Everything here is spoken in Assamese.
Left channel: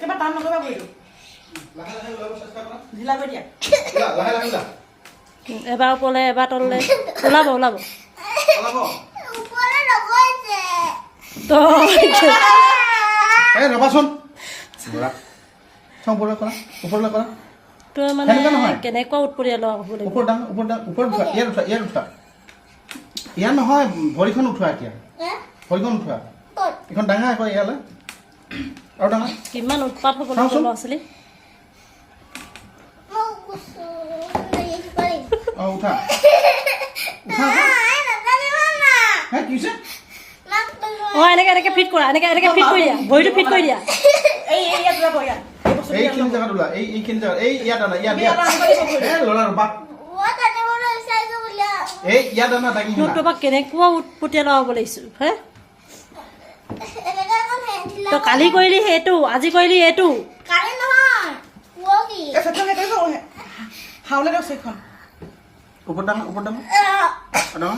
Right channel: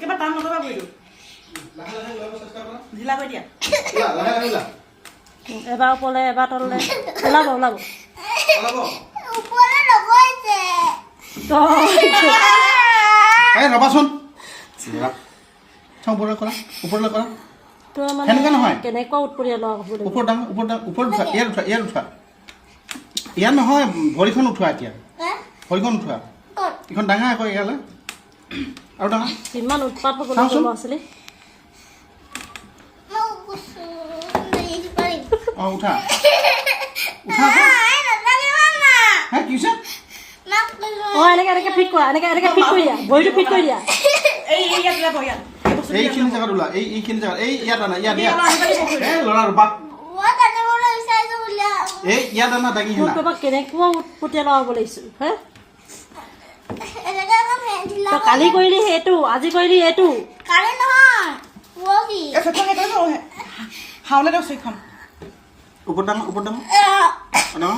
একেবাৰে টান নকৰিবা ভৰিটো ঢিলা কৰি দিয়া এবাৰ ওপৰলৈ এবাৰ তললৈ ওলাব ওলাব ৰবাচোন ওপৰলৈ কৰা তোৰ মানে কেনেকুৱা উৎপৰীয়া লোৱা হ'ব ওপৰত দাঙ ওপৰত উঠোৱা ইয়াত উঠোৱা ইয়াত নহয় ভৰিখন উঠোৱা এতিয়া ভৰিখন উঠোৱা এইখন ডাঙৰ আকৌ ইয়ালৈ আৰু ডাঙৰ কিমান উৎপাত হ'ব ল'ৰা ছোৱালী উঠা কি হৈছে এনেকে ফিট কৰা এনেকে ফিট কৰি দিয়া ভৰিটো ফিট কৰি দিয়া এইখিনি জেগাত ওলা এইখিনি জেগাত ইয়াত আনা ইয়াত ল'ৰাৰ বাট ইয়াত আনা দাঙি কেনেকুৱা উৎপতীয়া ল'ৰা হ'ব লাগিছিল হে তই কালি কৰিলি সেইটো আজি কৰিলি এইটো হাওলে দিয়ক চৈখন ওপৰত ডাঙৰ